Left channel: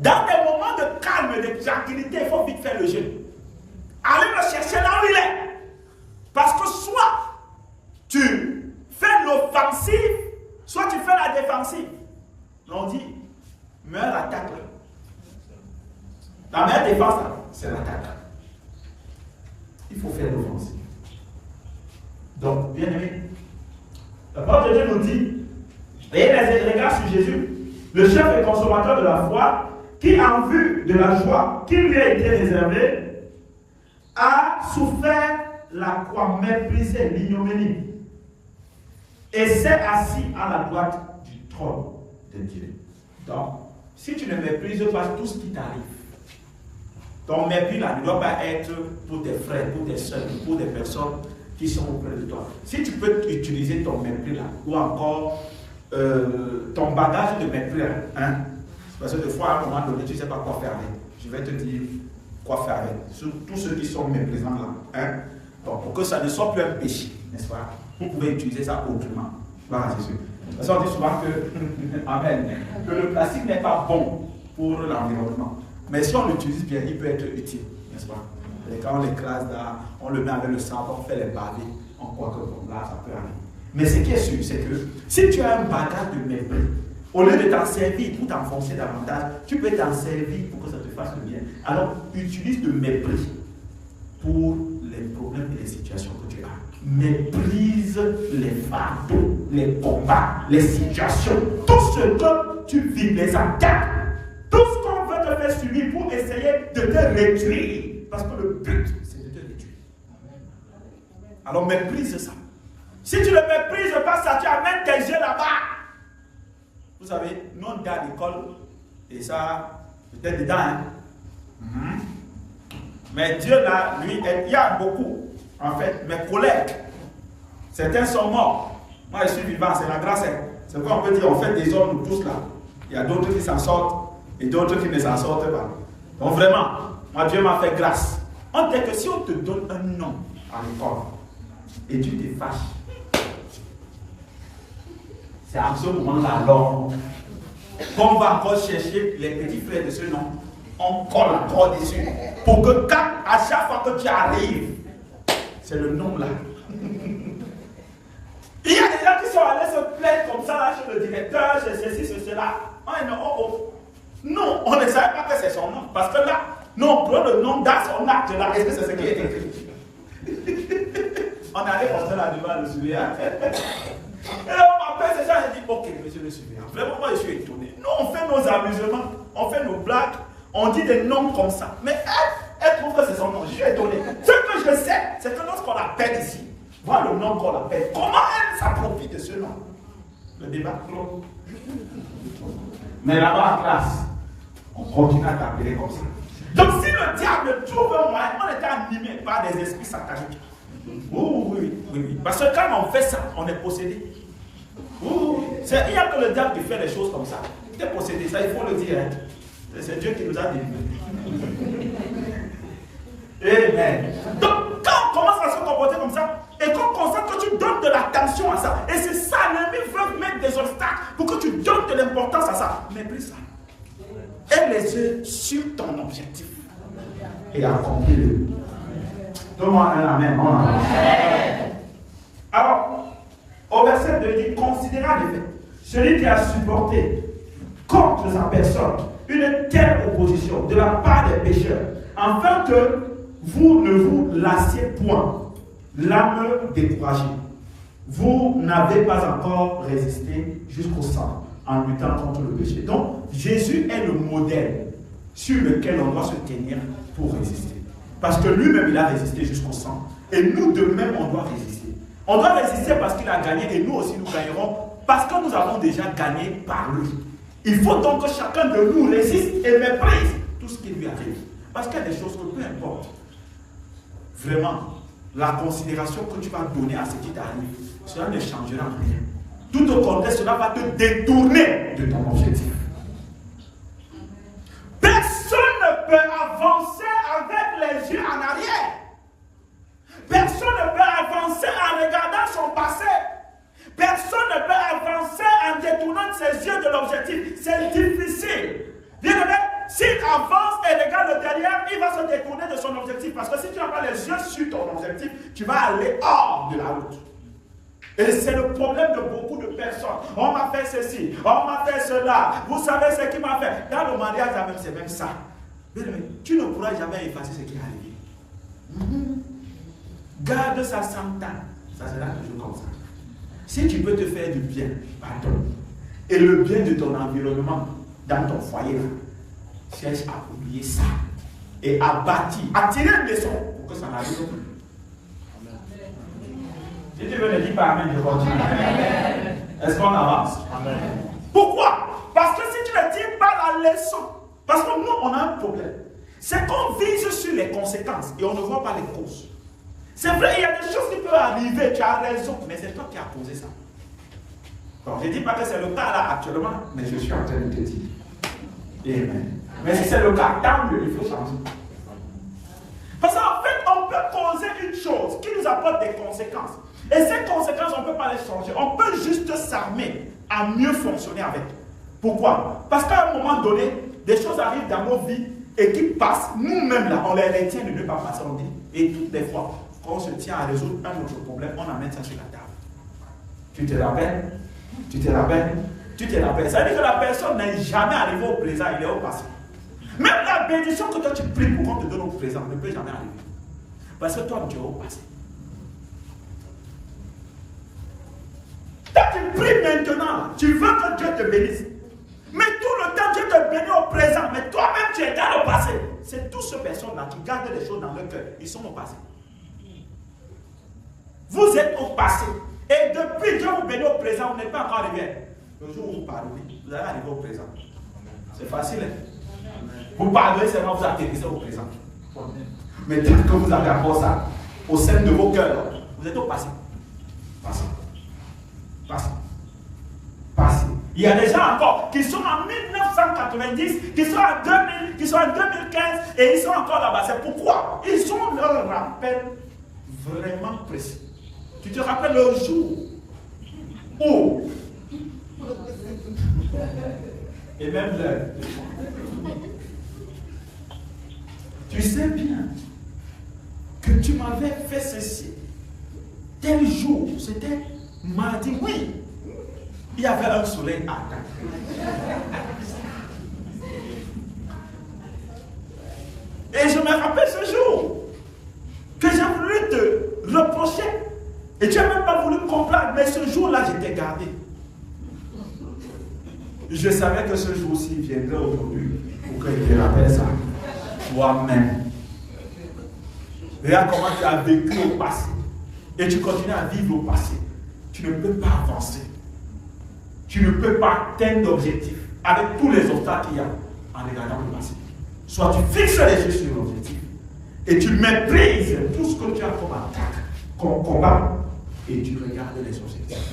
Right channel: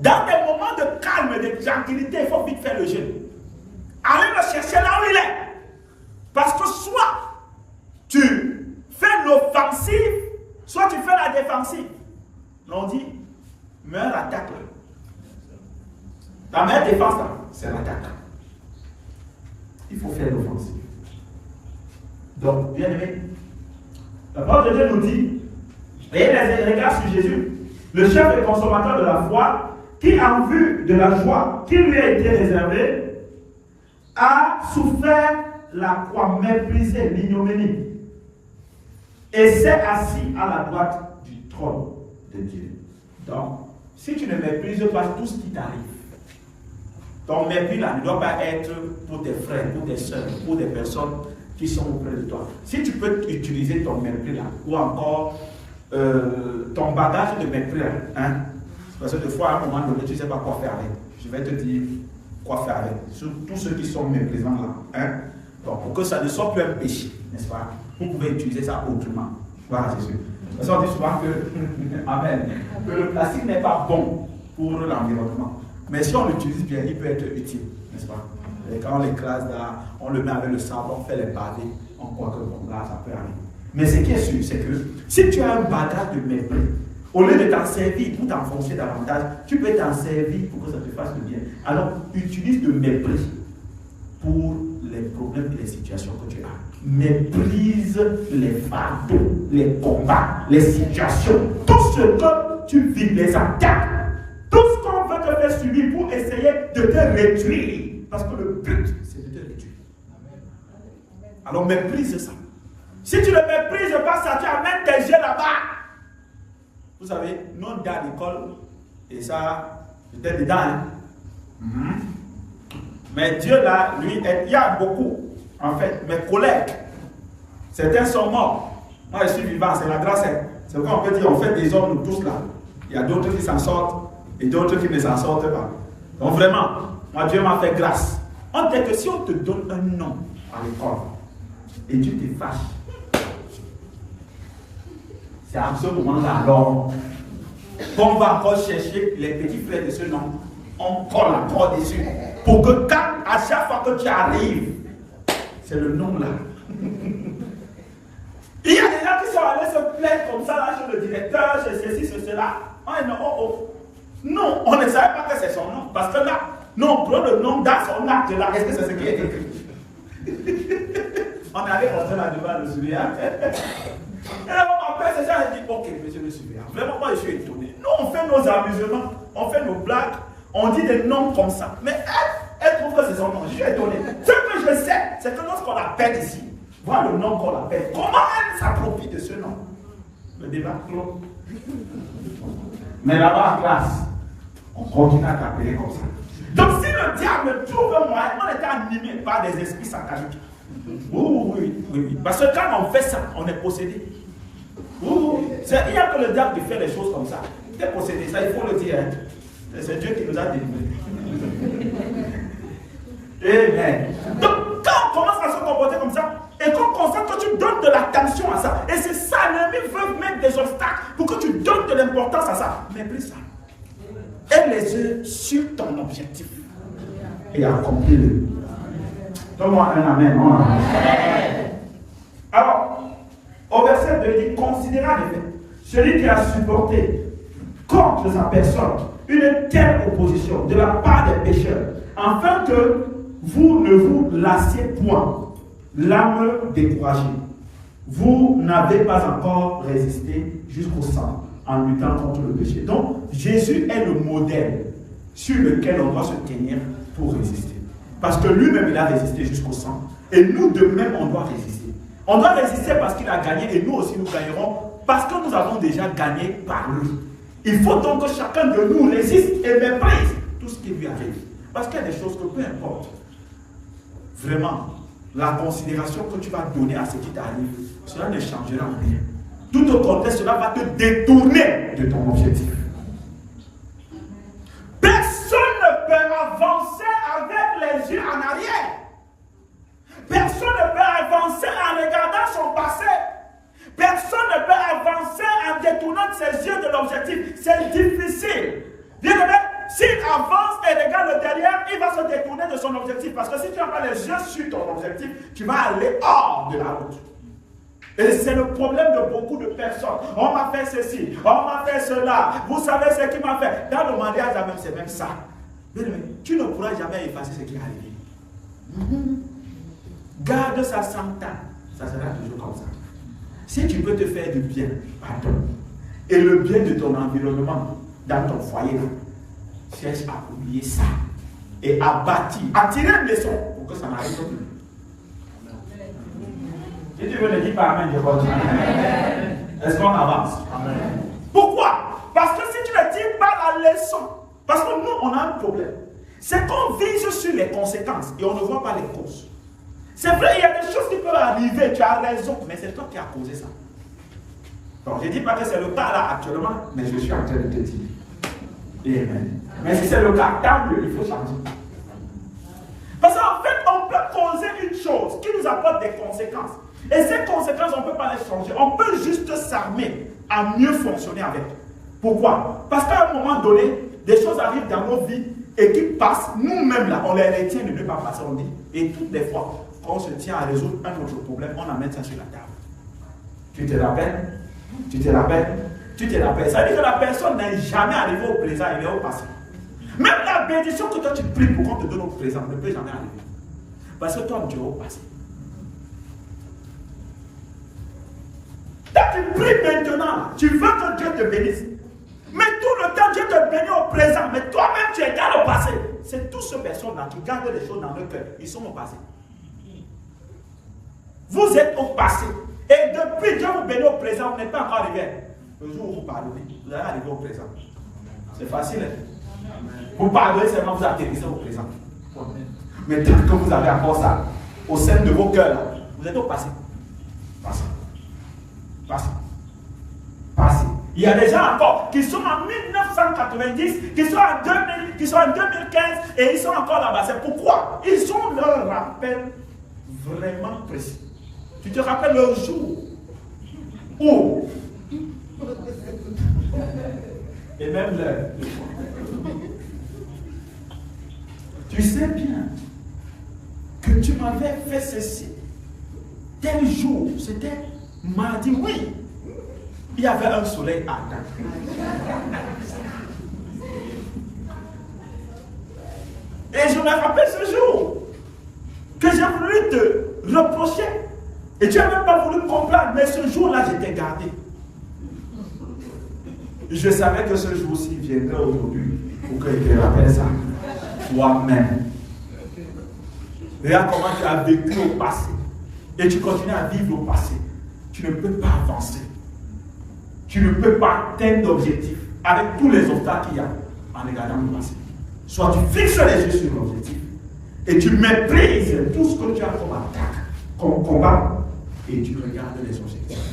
dans des moments de calme et de tranquillité, il faut vite faire le jeûne. Allez le chercher là où il est. Parce que soit tu fais l'offensive, soit tu fais la défensive. On dit, meilleure attaque. La meilleure défense, c'est l'attaque. Il faut faire l'offensive. Donc, bien aimé, la parole de Dieu nous dit, et les regards sur Jésus, le chef et consommateur de la foi, qui en vue de la joie qui lui a été réservée, a souffert la croix, méprisé l'ignominie, et s'est assis à la droite du trône de Dieu. Donc, si tu ne méprises pas tout ce qui t'arrive, ton mépris là ne doit pas être pour tes frères, pour tes soeurs, pour des personnes qui sont auprès de toi. Si tu peux utiliser ton mépris là, ou encore ton bagage de mépris là, hein, parce que des fois à un moment donné tu ne sais pas quoi faire avec. Je vais te dire quoi faire avec. Sur tous ceux qui sont méprisants là, hein. Donc pour que ça ne soit plus un péché, n'est-ce pas? Vous pouvez utiliser ça autrement. Voilà, c'est sûr. Parce qu'on dit souvent que, amen, que le plastique n'est pas bon pour l'environnement. Mais si on l'utilise bien, il peut être utile, n'est-ce pas? Et quand on l'écrase là, on le met avec le sable, on fait les pavés, on croit que bon, là, ça peut aller. Mais ce qui est sûr, c'est que si tu as un bagage de mépris, au lieu de t'en servir pour t'enfoncer davantage, tu peux t'en servir pour que ça te fasse le bien. Alors, utilise le mépris pour les problèmes et les situations que tu as. Méprise les fardeaux, les combats, les situations, tout ce que tu vis, les attaques, tout ce qu'on veut te faire subir pour essayer de te réduire. Parce que le but, c'est de te réduire. Alors méprise ça. Si tu ne méprises pas ça, tu amènes tes jeux là-bas. Vous savez, nous on est à l'école, et ça, peut-être dedans. Hein? Mais Dieu là, lui, il y a beaucoup. En fait, mes collègues, certains sont morts. Moi, je suis vivant, c'est la grâce. C'est quoi on peut dire, on fait des hommes, nous tous là. Il y a d'autres qui s'en sortent et d'autres qui ne s'en sortent pas. Donc vraiment, moi, Dieu m'a fait grâce. On dit que si on te donne un nom à l'école et tu te fâches, c'est à ce moment-là, alors, qu'on va encore chercher les petits frères de ce nom, on colle encore dessus. Pour que quand, à chaque fois que tu arrives, c'est le nom là. Il y a des gens qui sont allés se plaindre comme ça là chez le directeur, chez ceci, chez cela. Non, on ne savait pas que c'est son nom. Parce que là, non, on prend le nom dans son acte là. Est-ce que c'est ce qui est écrit? On est allé comme ça là devant le surveillant. Et là, après, ces gens ont dit, ok, monsieur le surveillant, vraiment, moi je suis étonné. Nous, on fait nos amusements, on fait nos blagues, on dit des noms comme ça. Mais elle trouve que c'est son nom. Je suis étonné. Ce que je sais, c'est que lorsqu'on l'appelle ici, voilà le nom qu'on appelle. Comment elle s'approprie de ce nom? Le débat clos. Mais là-bas en classe, on continue à t'appeler comme ça. Donc si le diable trouve un moyen, on était animé par des esprits sataniques. Oui. Parce que quand on fait ça, on est possédé. Oui. Il n'y a que le diable qui fait les choses comme ça. Tu es possédé, ça il faut le dire. Hein. C'est Dieu qui nous a délivrés. Amen. Donc quand on commence à se comporter comme ça, et qu'on constate que tu donnes de l'attention à ça, et c'est ça, l'ennemi veut mettre des obstacles pour que tu donnes de l'importance à ça. Méprise ça. Aie les yeux sur ton objectif. Et accomplis-le. Donne-moi un amen. Alors, au verset 2, il dit, considérez en effet celui qui a supporté contre sa personne une telle opposition de la part des pécheurs, afin que vous ne vous lassiez point l'âme découragée. Vous n'avez pas encore résisté jusqu'au sang en luttant contre le péché. Donc, Jésus est le modèle sur lequel on doit se tenir pour résister. Parce que lui-même, il a résisté jusqu'au sang. Et nous, de même, on doit résister. On doit résister parce qu'il a gagné et nous aussi, nous gagnerons parce que nous avons déjà gagné par lui. Il faut donc que chacun de nous résiste et méprise tout ce qui lui arrive. Parce qu'il y a des choses que peu importe, vraiment, la considération que tu vas donner à ce qui t'arrive, cela ne changera rien. Tout au contraire, cela va te détourner de ton objectif. Personne ne peut avancer avec les yeux en arrière. Personne ne peut avancer en regardant son passé. Personne ne peut avancer en détournant ses yeux de l'objectif. C'est difficile. Bien aimé, s'il avance et regarde le derrière, il va se détourner de son objectif. Parce que si tu n'as pas les yeux sur ton objectif, tu vas aller hors de la route. Et c'est le problème de beaucoup de personnes. On m'a fait ceci, on m'a fait cela. Vous savez ce qu'il m'a fait. Dans le mariage, c'est même ça. Mais tu ne pourras jamais effacer ce qui est arrivé. Garde ça 100 ans. Ça sera toujours comme ça. Si tu peux te faire du bien, pardon. Et le bien de ton environnement, dans ton foyer, là, cherche à oublier ça. Et à bâtir, à tirer une leçon pour que ça n'arrive plus. Si tu veux ne dire pas amen, je continue. Est-ce qu'on avance? Amen. Pourquoi? Parce que si tu ne dis pas la leçon, parce que nous, on a un problème. C'est qu'on vise sur les conséquences et on ne voit pas les causes. C'est vrai, il y a des choses qui peuvent arriver, tu as raison, mais c'est toi qui as causé ça. Donc, je ne dis pas que c'est le cas là actuellement, mais je suis en train de te dire. Amen. Mais si c'est le cas, tant mieux, il faut changer. Parce qu'en fait, on peut causer une chose qui nous apporte des conséquences. Et ces conséquences, on ne peut pas les changer. On peut juste s'armer à mieux fonctionner avec. Pourquoi? Parce qu'à un moment donné, des choses arrivent dans nos vies et qui passent, nous-mêmes là, on les retient de ne pas passer, on dit. Et toutes les fois, quand on se tient à résoudre un autre problème, on amène ça sur la table. Tu te rappelles? Tu te rappelles? Tu te rappelles? Ça veut dire que la personne n'est jamais arrivée au présent, elle est au passé. Même la bénédiction que toi tu pries pour qu'on te donne au présent ne peut jamais arriver. Parce que toi, tu es au passé. Toi, tu pries maintenant, tu veux que Dieu te bénisse. Mais tout le temps, Dieu te bénit au présent, mais toi-même, tu es dans le passé. C'est toutes ces personnes-là qui gardent les choses dans leur cœur. Ils sont au passé. Vous êtes au passé. Et depuis Dieu vous bénit au présent, vous n'êtes pas encore arrivé. Le jour où vous pardonnez, vous allez arriver au présent. C'est facile. Hein? Vous pardonnez seulement, vous atterrissez au présent. Mais tant que vous avez encore ça, au sein de vos cœurs, vous êtes au passé. Passé. Passé. Passé. Il y a des gens encore qui sont en 1990, qui sont en 2000, qui sont en 2015 et ils sont encore là-bas. C'est pourquoi ils ont leur rappel vraiment précis. Tu te rappelles le jour où, et même l'heure, tu sais bien que tu m'avais fait ceci. Tel jour, c'était mardi, oui. Il y avait un soleil ardent. Et je me rappelle ce jour que j'ai voulu te reprocher. Et tu n'as même pas voulu me comprendre, mais ce jour-là, je t'ai gardé. Je savais que ce jour-ci viendrait aujourd'hui pour que je te rappelle ça. Toi-même. Regarde comment tu as vécu au passé. Et tu continues à vivre au passé. Tu ne peux pas avancer. Tu ne peux pas atteindre d'objectif avec tous les obstacles qu'il y a en regardant le passé. Soit tu fixes les yeux sur l'objectif et tu méprises tout ce que tu as comme attaque, comme combat, et tu regardes les objectifs.